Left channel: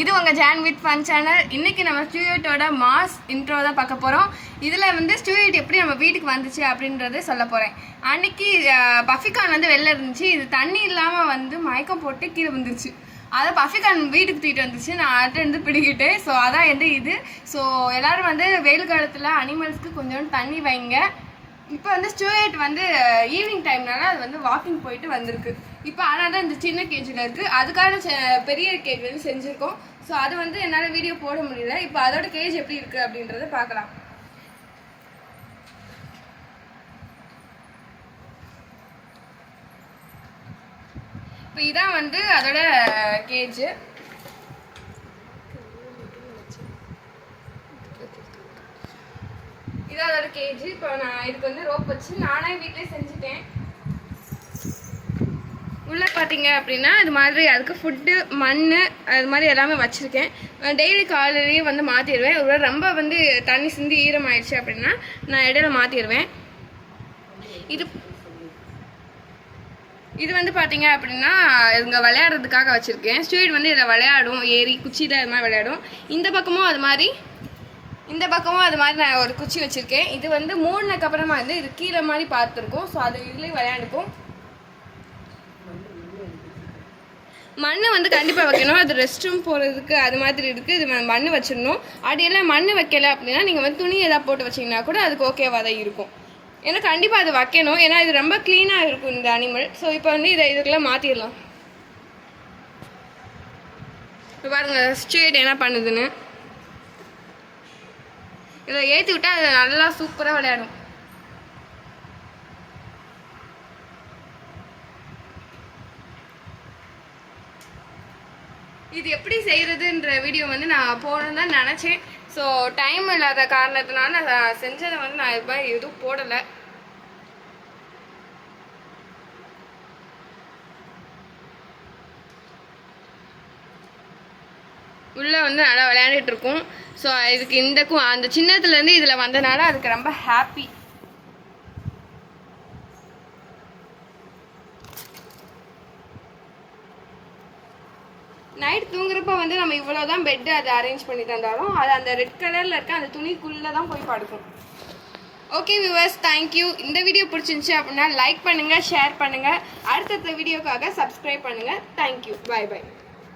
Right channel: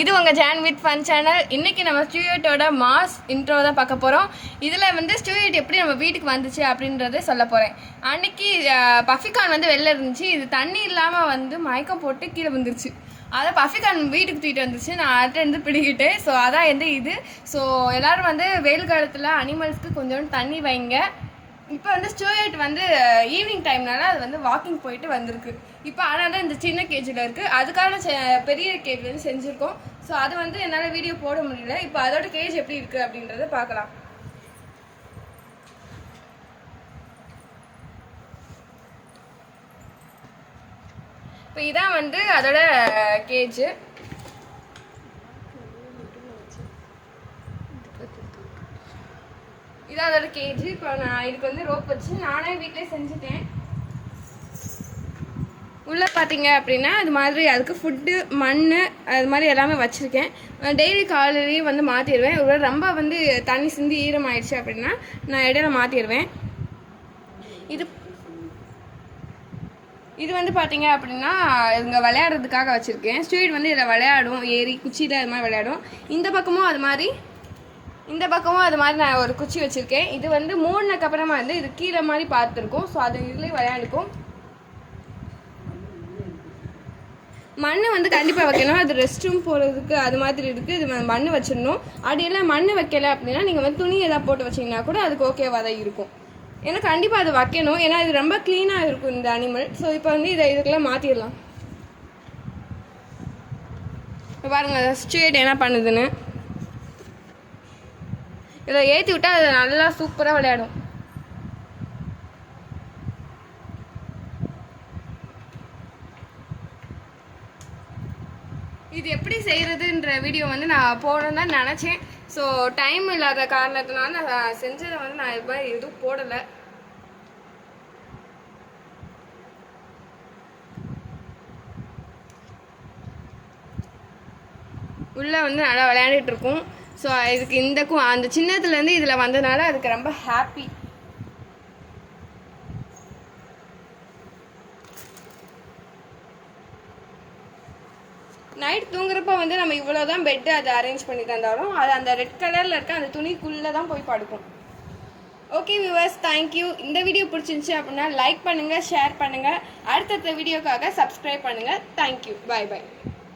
இது உங்கள் John with fun channel. இன்றைக்கி நம்ம ஸ்டூடியோட்டோட மாஸ் இன்ட்ரோ தான் பார்க்க போகிறோம். இதில் வந்து ஸ்டூடியோட் எப்படி நம்ம வீட்டுக்கு வந்துச்சு அப்படின்றத சொல்ல போகிறேன். அன்றைக்கி பஃபிகான் வந்து வெளில இருந்துச்சு. இது தண்ணி இல்லாமல் வந்து மயக்கம் போட்டு கீழே வந்துருச்சு. அதை பஃபிகான் வீட்டுக்கு தூக்கிட்டு வந்துச்சு. நான் அதை வந்து பிடிக்கிட்டேன். ஸோ அதான் வந்து இது. ஸோ எல்லோரும் வந்து வெயில் காலத்தில் அனிமல்ஸ்க்கு கொஞ்சோண்டு தண்ணி வைங்க. இப்போ வந்து ஸ்டூடியோட் வந்து ஈவினிங் டைம்னால அது வந்து வாக்கிங் போயிட்டு வந்திருக்கு. இப்போ ஆனால் தான் இந்த சின்ன கேஜில் இருக்குது. அதுக்கான பெரிய கேஜ் வந்து செஞ்சுருக்கோம். ஸோ அது வந்து என்னால் வீடியோ போட முடியல. இப்போ அதோட கேஜ் எப்படி இருக்குது அப்படின்றத பார்க்கலாம். இப்போ இதான் வந்து அதோட கேஜ். இதான் அதோட கேஜ். இப்போ நான் இதுக்கு வந்து ரோப் வச்சு நானே வீட்டிலே செஞ்சுட்டேன். உள்ளே பார்த்தீங்க அப்படின்னா இது மாதிரி அதுக்கு ஃபுட்டு மண் அது மாதிரி எல்லாமே வச்சுருக்கேன். டெய்லி காலையிலேயே வந்து மாற்றிடுவேன். ஒரு ரொம்ப வந்து தண்ணி சிந்தி ஈரமாயிடுச்சு அப்படின்னா நான் இடையில மாற்றிடுவேன். இது வந்து பார்த்தீங்க அப்படின்னா இங்கே விளையாடுறதுக்காக வச்சுருக்கேன். ஸ்டூடெண்ட் வந்து இதில் விளையாடும், ஏறி குச்சியில் அது மாதிரி விளையாடும். இந்த பக்கமும் அது மாதிரி நான் ஒரு குச்சி வச்சுருக்கேன். இது வந்து மூடினதுக்கப்புறமா வந்து இது கீழே மாதிரி பார்த்துருக்கோம். ஸோ அது இதுலேயும் விளையாண்டுக்கும். மண் வந்து கண்டிப்பாக வைக்கணும். அது ரெஸ்ட் ரூம் போகிறதுக்கு அது மாதிரி இருக்குது. இது மண் வச்சிடணும். அப்படியெல்லாம் மண் வைக்கலை அப்படின்னா நீங்கள் வந்து துணி எதாவது போட்டு வச்சிங்கன்னா கூட அதுக்கு ஓகேவாக தான் இருக்கும். ஏன்னா கண்டிப்பாக அது வைக்கணும். ஏன்னா இது ரொம்ப க்ளீனாக இருக்கும் இந்த அனிமல். ஸோ இப்போ வந்து இதுக்கெல்லாம் மாற்றிடலாம். இப்போ பாருங்கள் ஸ்ட்ரீட் என்ன பண்ணுதுன்னு. இதை ஏற்றி விட்டால் அது நல்லா சூப்பராக விளையாடும். இது எப்படி செய்கிறதுன்ற வீடியோ வந்து நான் போகணுன்னு தான் நினச்சேன். ஸோ டைம் இல்லாத காரணத்தினால நான் செஞ்சதை வந்து நான் எதுவும் போடலை. உள்ளே வந்து நல்லா விளையாண்டுட்டு இருக்கும். ஸோ இதுக்கு இந்தக்கும் அந்த சின்னத்துலேருந்து இதில் வந்தனால அதுக்கு ரொம்ப ஹாப்பி. நைட் தூங்குறப்ப வந்து நம்ம இவ்வளோதான் பெட்டு அதை அரேஞ்ச் பண்ணி தந்தாலும் அது அந்த ரெட் கலரில் இருக்க அந்த துணிக்குள்ளே தான் போய் படுக்கும். Okay viewers, thank you. இந்த வீடியோ பிடிச்சிருந்துச்சி அப்படின்னா லைக் பண்ணுங்கள், ஷேர் பண்ணுங்கள். அடுத்தடுத்த வீடியோக்காக சப்ஸ்கிரைப் பண்ணுங்கள். தேங்க்யூ. பாய் பாய்.